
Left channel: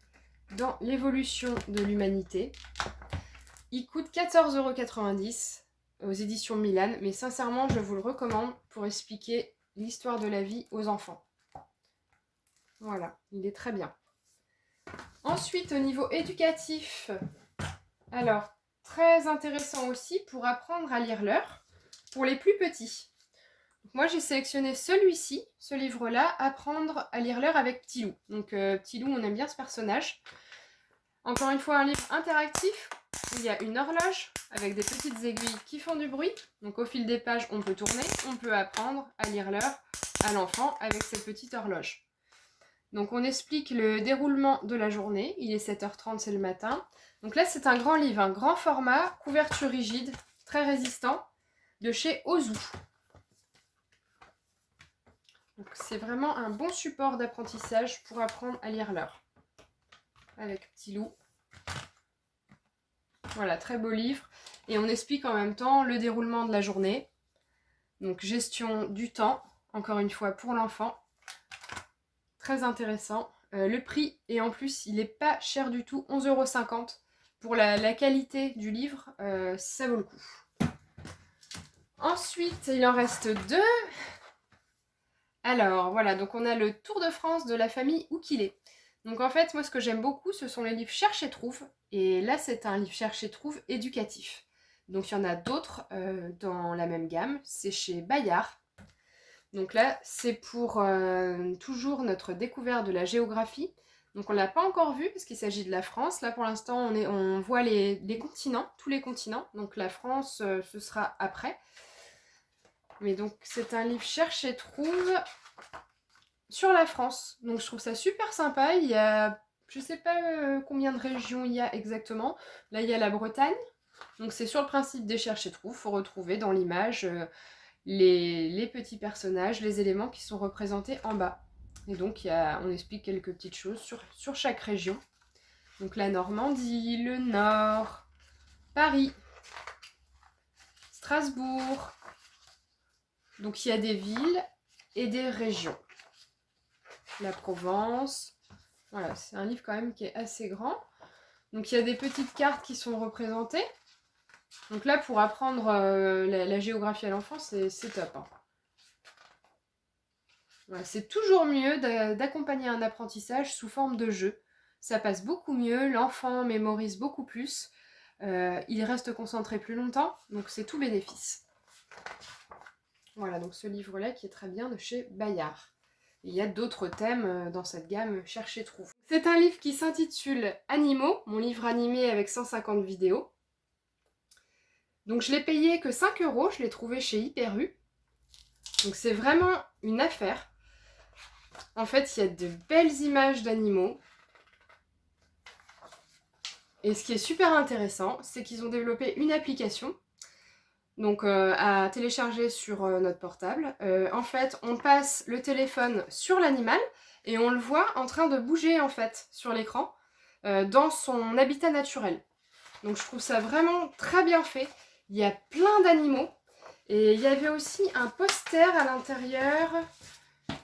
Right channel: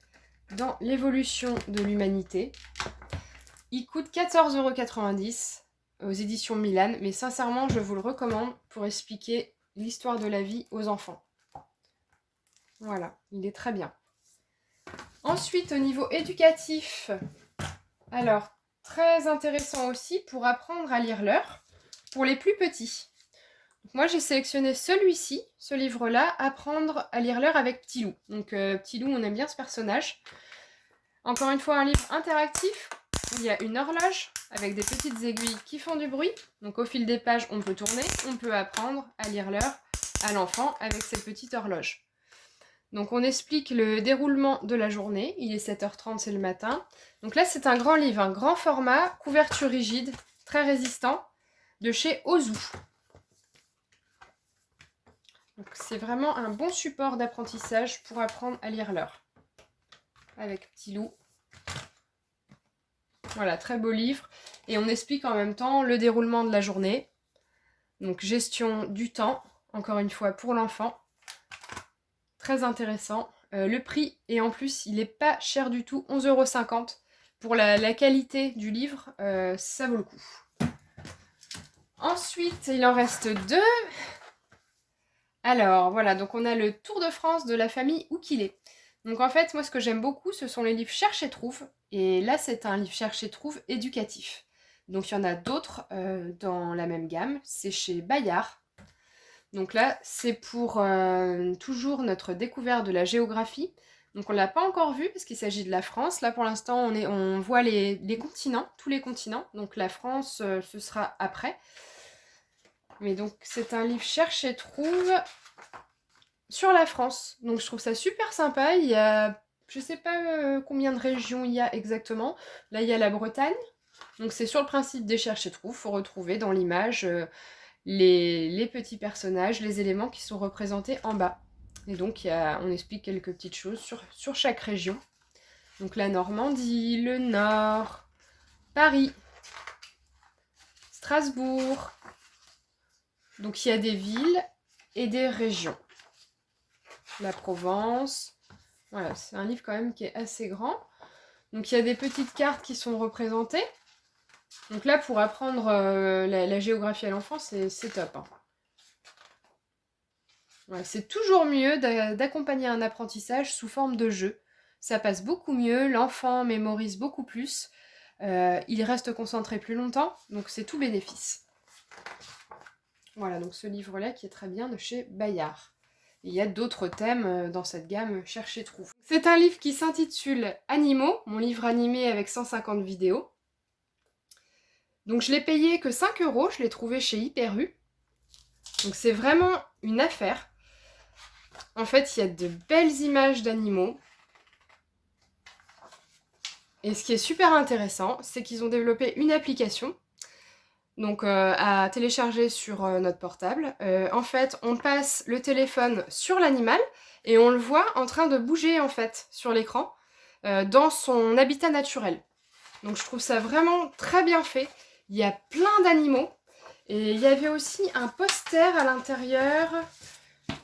dans l'évolution de l'humanité. Il coûte 14,90 € aux éditions Milan, mais sincèrement, je vous le recommande pour expliquer l'histoire de la vie aux enfants. Voilà, il est très bien. Ensuite, au niveau éducatif, alors, très intéressant aussi pour apprendre à lire l'heure pour les plus petits. Donc, moi, j'ai sélectionné celui-ci, ce livre-là, Apprendre à lire l'heure avec Petit Loup. Donc, Petit Loup, on aime bien ce personnage. Encore une fois, un livre interactif. Il y a une horloge avec des petites aiguilles qui font du bruit. Donc au fil des pages, on peut tourner, on peut apprendre à lire l'heure à l'enfant avec cette petite horloge. Donc on explique le déroulement de la journée. Il est 7h30, c'est le matin. Donc là, c'est un grand livre, un grand format, couverture rigide, très résistant, de chez Ozu. Donc c'est vraiment un bon support d'apprentissage pour apprendre à lire l'heure. Avec Petit Loup. Voilà, très beau livre. Et on explique en même temps le déroulement de la journée. Donc gestion du temps, encore une fois pour l'enfant. Très intéressant. Le prix, et en plus il n'est pas cher du tout, 11,50 €. Pour la qualité du livre, ça vaut le coup. Ensuite, il en reste 2. Alors voilà, donc on a le Tour de France de la famille Oukilé. Donc en fait, moi ce que j'aime beaucoup, ce sont les livres Cherche et Trouve. Et là, c'est un livre Cherche et Trouve éducatif. Donc il y en a d'autres dans la même gamme. C'est chez Bayard. Donc là, c'est pour toujours notre découverte de la géographie. Donc on ne l'a pas encore vu parce qu'il s'agit de la France. Là pour l'instant, on voit les continents, tous les continents. Donc la France, ce sera après. Mais donc c'est un livre Cherche et Trouve sur la France. Donc je trouve ça super sympa. Il y a, je sais pas combien de régions il y a exactement. Là il y a la Bretagne. Donc c'est sur le principe des Cherche et Trouve. Il faut retrouver dans l'image les petits personnages, les éléments qui sont représentés en bas. Et donc on explique quelques petites choses sur chaque région. Donc la Normandie, le Nord, Paris, Strasbourg. Donc il y a des villes et des régions. La Provence. Voilà, c'est un livre quand même qui est assez grand. Donc il y a des petites cartes qui sont représentées. Donc là, pour apprendre la géographie à l'enfant, c'est top. Hein. Voilà, c'est toujours mieux d'accompagner un apprentissage sous forme de jeu. Ça passe beaucoup mieux, l'enfant mémorise beaucoup plus, il reste concentré plus longtemps, donc c'est tout bénéfice. Voilà, donc ce livre-là qui est très bien de chez Bayard. Et il y a d'autres thèmes dans cette gamme Chercher Trouve. C'est un livre qui s'intitule Animaux, mon livre animé avec 150 vidéos. Donc je l'ai payé que 5 €, je l'ai trouvé chez Hyper U. Donc c'est vraiment une affaire. En fait, il y a de belles images d'animaux. Et ce qui est super intéressant, c'est qu'ils ont développé une application donc, à télécharger sur notre portable. En fait, on passe le téléphone sur l'animal et on le voit en train de bouger en fait sur l'écran dans son habitat naturel. Donc je trouve ça vraiment très bien fait. Il y a plein d'animaux et il y avait aussi un poster à l'intérieur.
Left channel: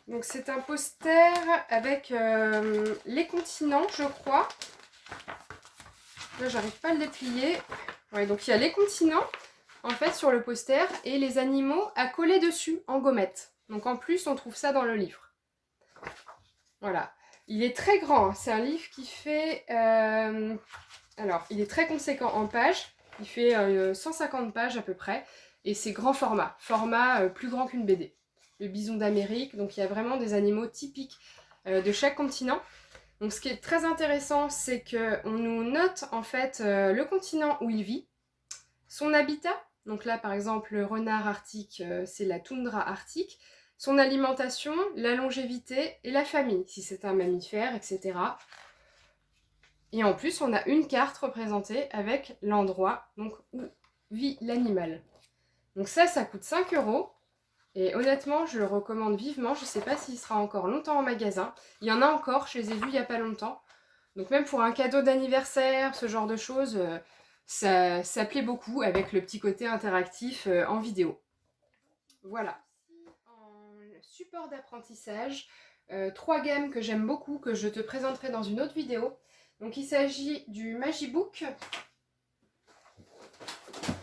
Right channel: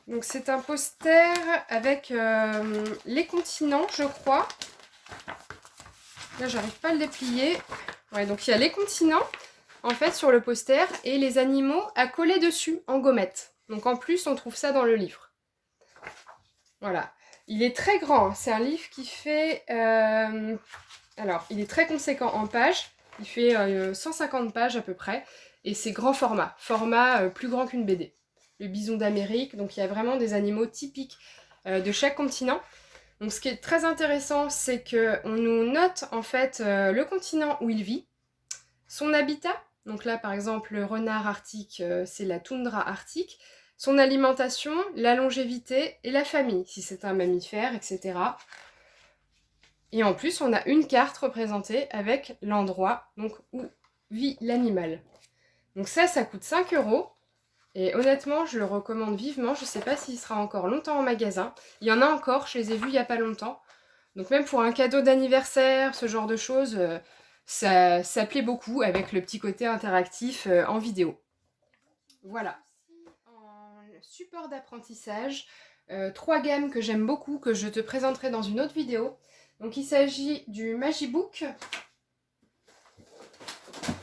Donc c'est un poster avec les continents, je crois. Là, j'arrive pas à le déplier. Ouais, donc il y a les continents, en fait, sur le poster, et les animaux à coller dessus, en gommette. Donc en plus, on trouve ça dans le livre. Voilà. Il est très grand. Hein. C'est un livre qui fait... Alors, il est très conséquent en pages. Il fait 150 pages à peu près. Et c'est grand format. Format plus grand qu'une BD. Le bison d'Amérique. Donc il y a vraiment des animaux typiques de chaque continent. Donc ce qui est très intéressant, c'est qu'on nous note en fait le continent où il vit, son habitat, donc là par exemple le renard arctique, c'est la toundra arctique, son alimentation, la longévité et la famille, si c'est un mammifère, etc. Et en plus on a une carte représentée avec l'endroit donc, où vit l'animal. Donc ça coûte 5 €. Et honnêtement, je le recommande vivement. Je ne sais pas s'il sera encore longtemps en magasin. Il y en a encore, je les ai vus il n'y a pas longtemps. Donc même pour un cadeau d'anniversaire, ce genre de choses, ça plaît beaucoup avec le petit côté interactif en vidéo. Voilà. En support d'apprentissage, 3 gammes que j'aime beaucoup, que je te présenterai dans une autre vidéo. Donc il s'agit du Magibook,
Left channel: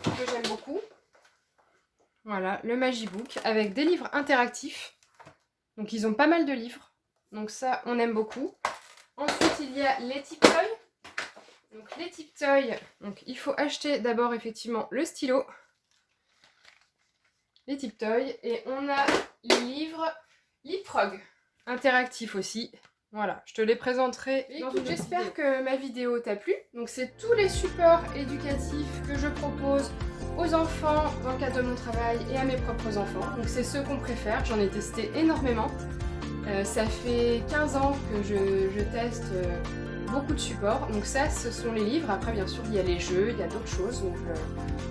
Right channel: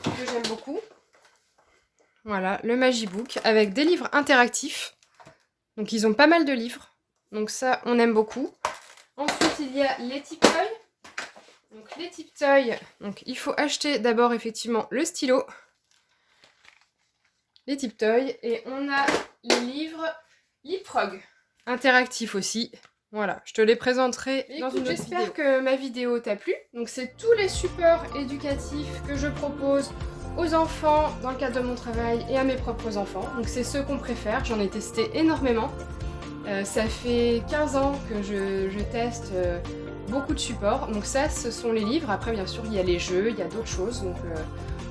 que j'aime beaucoup. Voilà, le Magibook avec des livres interactifs. Donc ils ont pas mal de livres. Donc ça, on aime beaucoup. Ensuite, il y a les Tiptoy. Donc les Tiptoy, donc il faut acheter d'abord effectivement le stylo. Les Tiptoy. Et on a les livres Leapfrog. Interactifs aussi. Voilà, je te les présenterai dans une autre vidéo. J'espère que ma vidéo t'a plu. Donc c'est tous les supports éducatifs que je propose aux enfants dans le cadre de mon travail et à mes propres enfants. Donc c'est ceux qu'on préfère, j'en ai testé énormément. Ça fait 15 ans que je teste beaucoup de supports. Donc ça, ce sont les livres. Après, bien sûr, il y a les jeux, il y a d'autres choses. Donc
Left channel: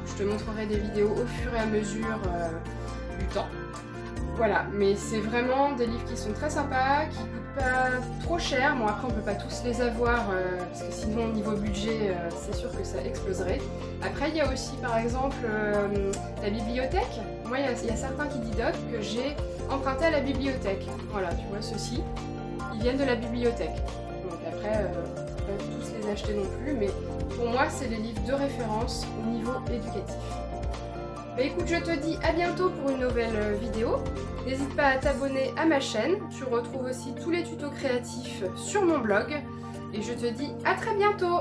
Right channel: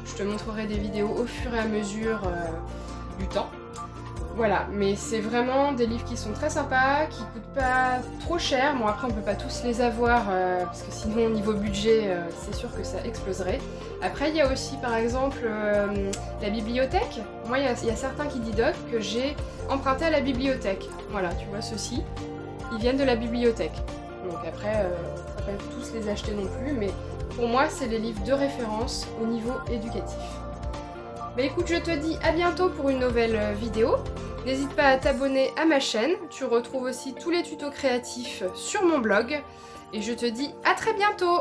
je te montrerai des vidéos au fur et à mesure du temps. Voilà, mais c'est vraiment des livres qui sont très sympas, qui coûtent pas trop cher. Bon, après, on peut pas tous les avoir, parce que sinon, au niveau budget, c'est sûr que ça exploserait. Après, il y a aussi, par exemple, la bibliothèque. Moi, il y a certains Kididoc que j'ai emprunté à la bibliothèque. Voilà, tu vois, ceux-ci, ils viennent de la bibliothèque. Donc après, on peut pas tous les acheter non plus, mais pour moi, c'est des livres de référence au niveau éducatif. Bah écoute, je te dis à bientôt pour une nouvelle vidéo. N'hésite pas à t'abonner à ma chaîne. Tu retrouves aussi tous les tutos créatifs sur mon blog. Et je te dis à très bientôt!